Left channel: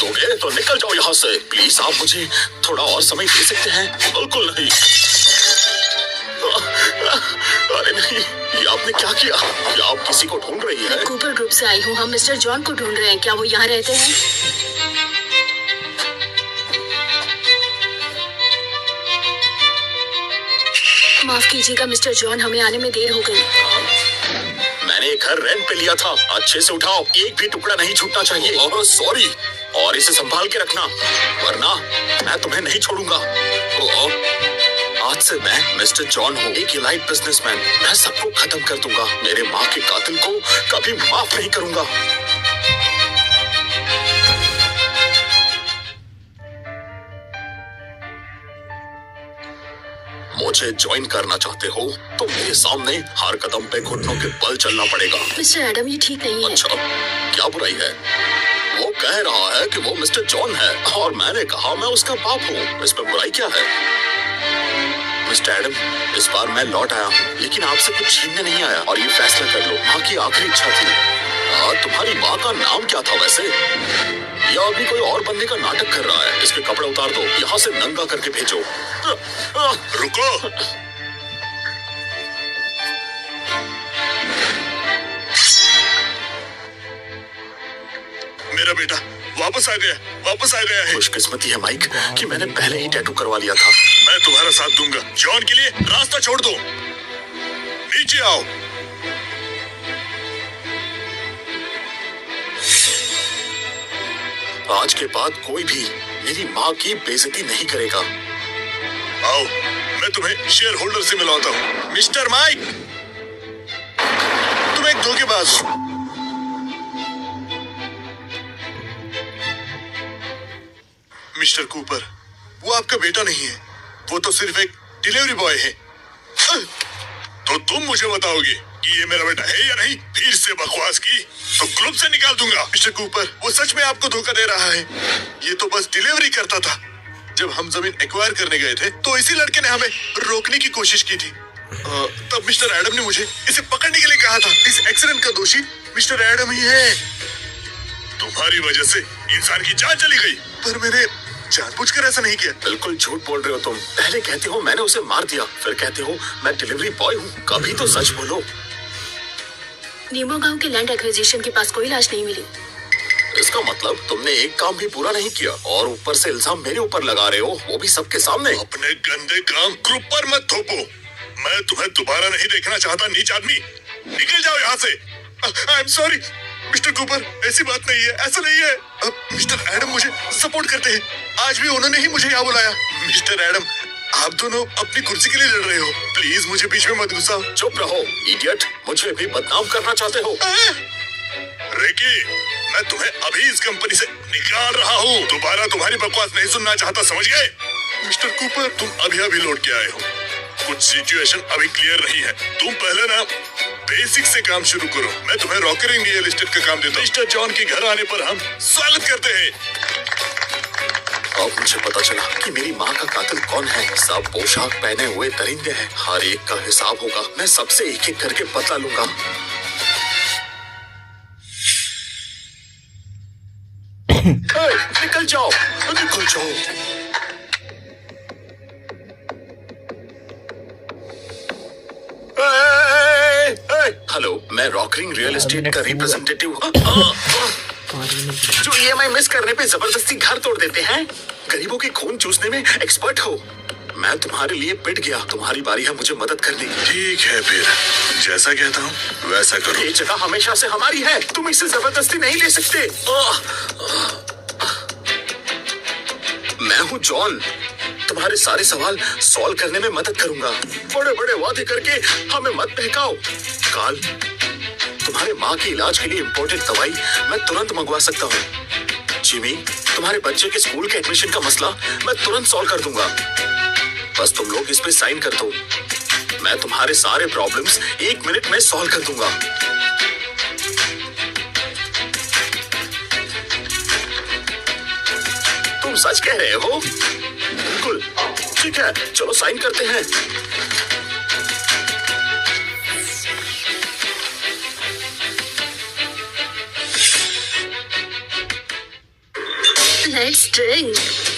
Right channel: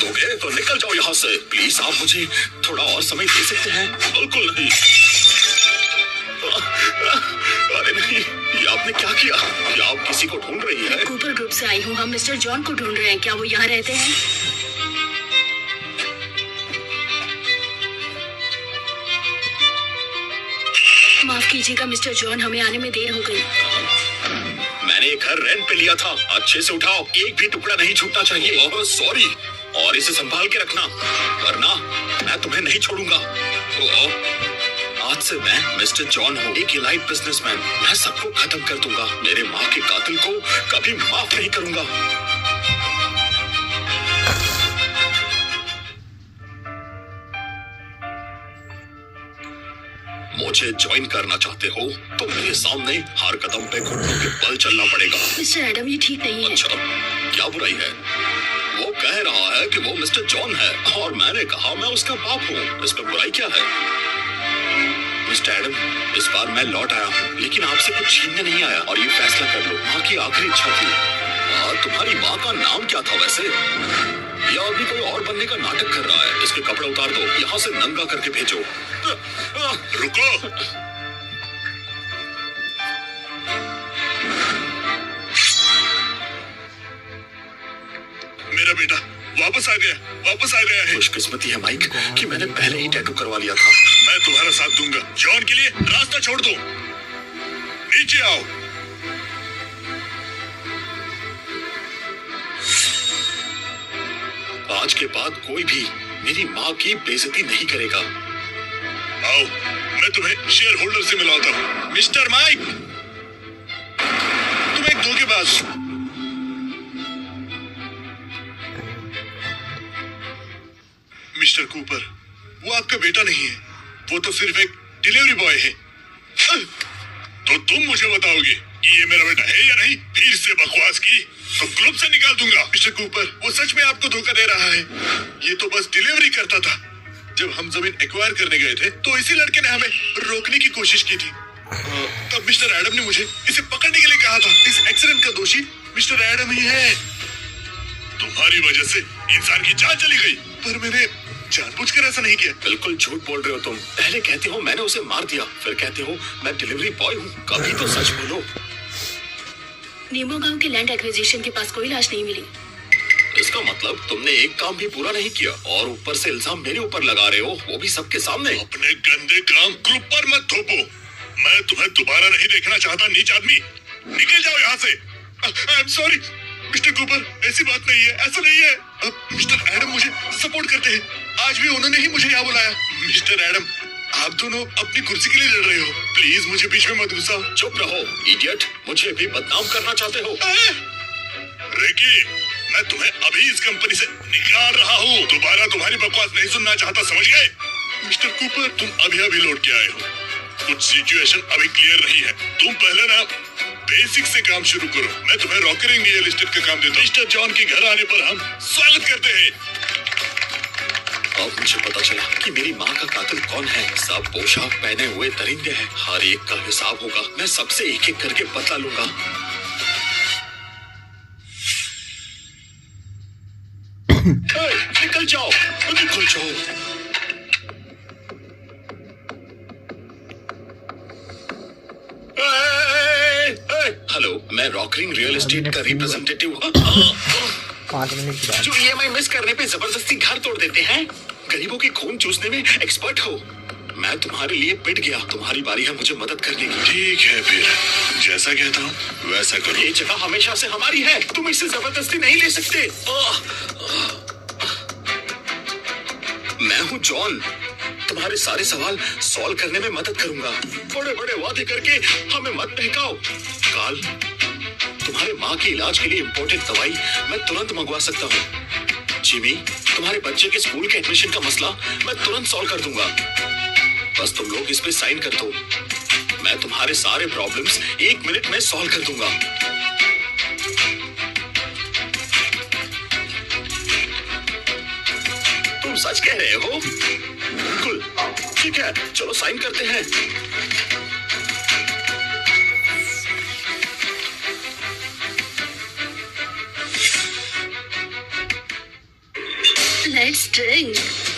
दोगे तो निकल जाओ यहाँ से। प्लीज आप मुझे थोड़ा और समय दे सकते हैं? बिल्कुल नहीं। अरे नहीं, ये आपने क्या किया? क्या आप किसी को ढूंढ रही है? कूपर ग्रुप से आई हूँ। हम मिस्टर जॉन को ढूंढ रहे हैं। क्या वो यहाँ रहते हैं? माफ कीजिएगा मिस्टर जॉन, हमें आने में देर हो गई। मैंने घर रेंट पे लिया था। अच्छे से उठाओ, एक भी टुकड़ा नहीं छूटना चाहिए। सॉरी। और इसे संभाल के रखना, वरना मैं तुम्हें नहीं छोड़ूंगा। आज से मैं मिस्टर जॉन हूँ, एक इलाइट बिजनेसमैन। मैं सबको खत्म कर दूंगा। मेरे माँ के कातिल को कभी माफ नहीं करूंगा। मुझे ज्वाइन करना चाहते हो तो मेरे सामने हर कदम पे घुटनों के बल चलना पड़ेगा। मिस्टर एडम, ये ठीक नहीं है। अच्छा, क्या बुराई है? वो कह रहा है कि वो मिस्टर जॉन है और मैंने कहा मैं उसका बाप हूँ। इसमें बुराई क्या है? मिस्टर एडम, इस बार मैं लौट आया हूँ, लेकिन आपसे कुछ छीनने नहीं आया। और ये फैसला कर लो, माँ की आखिरी इच्छा थी। तुम्हारी माँ का नाम क्या था वैसे? या अभी कोई और बनने का नाटक कर रहा है? इसके कपड़े उतार दो, यहाँ से नंगा करके भेजो। रुको। मेरा बेटा वापस आ गया है। खुशकिस्मती है माइक कि मैंने पहले ही टैटू करवा लिया था। मैं तुम्हारा साथ दूंगा। जॉन के लिए रास्ता छोड़ दो। नीचे आओ। आज के बाद कोई भी मेरी माँ की बेइज्जती नहीं करेगा। आओ, मैं तुम्हें शेयर होल्डर से मिलवाता हूँ। मिस्टर माइक, तुम एक धोखेबाज हो। मिस्टर कूपर, वो आपका बेटा नहीं है, वो तो सिर्फ एक डिलीवरी बॉय है। तो तुम मुझे बताओगे कि ये मेरा बेटा है या नहीं? फिर से बकवास की तो ग्रुप से निकाल दूंगा। मिस्टर कूपर, वो सच में आपको धोखा दे रहा है। ये तो बस डिलीवरी करता था। जब हम जमीन एक्वायर करने गए थे तो इसी लड़के ने हमें रोकने की कोशिश की थी। तब मिस्टर एडम ने मुझे इसे पकड़ने के लिए कहा था। इस एक्सीडेंट का दोषी मिस्टर एडम ही है। तुम्हारी वजह से इंसान की जान चली गई, पर मैंने जानबूझकर ऐसा नहीं किया। बिल्कुल झूठ बोल रहे हो तुम। पहले कहते हो मैंने उसे मार दिया, फिर कहते हो मैं डिलीवरी बॉय हूँ। कभी तो सच बोलो। नीमो गांव के लैंड एक्विजिशन के पास कोई लाश नहीं मिली। इसका मतलब तुमने एक काम भी पूरा नहीं किया और ऊपर से इल्जाम मेरे ऊपर लगा रहे हो, वो भी सबके सामने। अपने गंदे काम ग्रुप पर मत थोपो। मैं तुम्हें दोबारा नहीं देखना चाहता। नीच आदमी, निकल जाओ यहाँ से। I am sorry mister Cooper, ऐसी बात नहीं है, ऐसा नहीं है। मिस्टर एडम मुझे सपोर्ट करते हैं। आज भी उन्होंने ही मुझे यहाँ बुलाया। मिस्टर एडम, आप दोनों अपनी कुर्सी के लिए लड़ रहे हो। प्लीज मुझे बीच में मत घुसाओ। चुप रहो इडियट, मुझे भी बदनाम करना चाहते हो। रेकी, मैं तुम्हें अभी इस कंपनी से निकाल रहा हूँ। दोबारा तुम्हारी बकवास नहीं सुनना चाहता, समझ गए? मिस्टर कूपर, तुम अभी लौट के आए हो। कुछ सिचुएशन अभी क्लियर नहीं है। तुम पहले ना बेसिक से काम शुरू करो। मैं तुम्हें रॉकरिंग रियल एस्टेट का काम देता हूँ। मिस्टर जॉन के घर आने पर हम स्वागत करते हैं। अब मुझे पता चला कि मेरी माँ का कातिल कौन है। सब पोशाक पहने हुए दरिंदे हैं। हर एक का हिसाब होगा। मैं सबसे एक एक करके बदला लूंगा। निकल जाओ, निकल जाओ। हेलो, मैं रॉकरिंग रियल एस्टेट का रिप्रेजेंटेटिव हूँ। जो ईएमआई मिस करने पे जबरदस्ती घर तोड़ देते हैं, गरीबों के खून चूसने में एक्सपर्ट हो। मैं तुम्हारे लिए पिट गया। तुम्हारी बारी है मुझे मदद करने की। ठीक है, फिर जैसा कहता हूँ वैसा करो। ये जगह हमेशा से हमारी है, तुम इसे जबरदस्ती नहीं ले सकते। मैं हूँ जॉन, तुम्हारे सारे सवाल सॉल्व करने में मदद करूंगा। बड़े बड़े वादे करके हमें मत बहकाओ। काल, तुम्हारे माँ के इलाज के लिए इम्पोर्टेंट दवाई मैं तुरंत मंगवा सकता हूँ। जिमी, तुम्हारे बच्चे के स्कूल के एडमिशन का मसला मैं तुरंत सॉल्व कर दूंगा। बस तुम लोग इस पे साइन कर दो। मैं तुम्हारे सारे प्रॉब्लम्स 1 मिनट में सॉल्व कर दूंगा। तुम सच कह रहे हो? बिल्कुल ठीक है, चलो साइन करते हैं। Let's drink.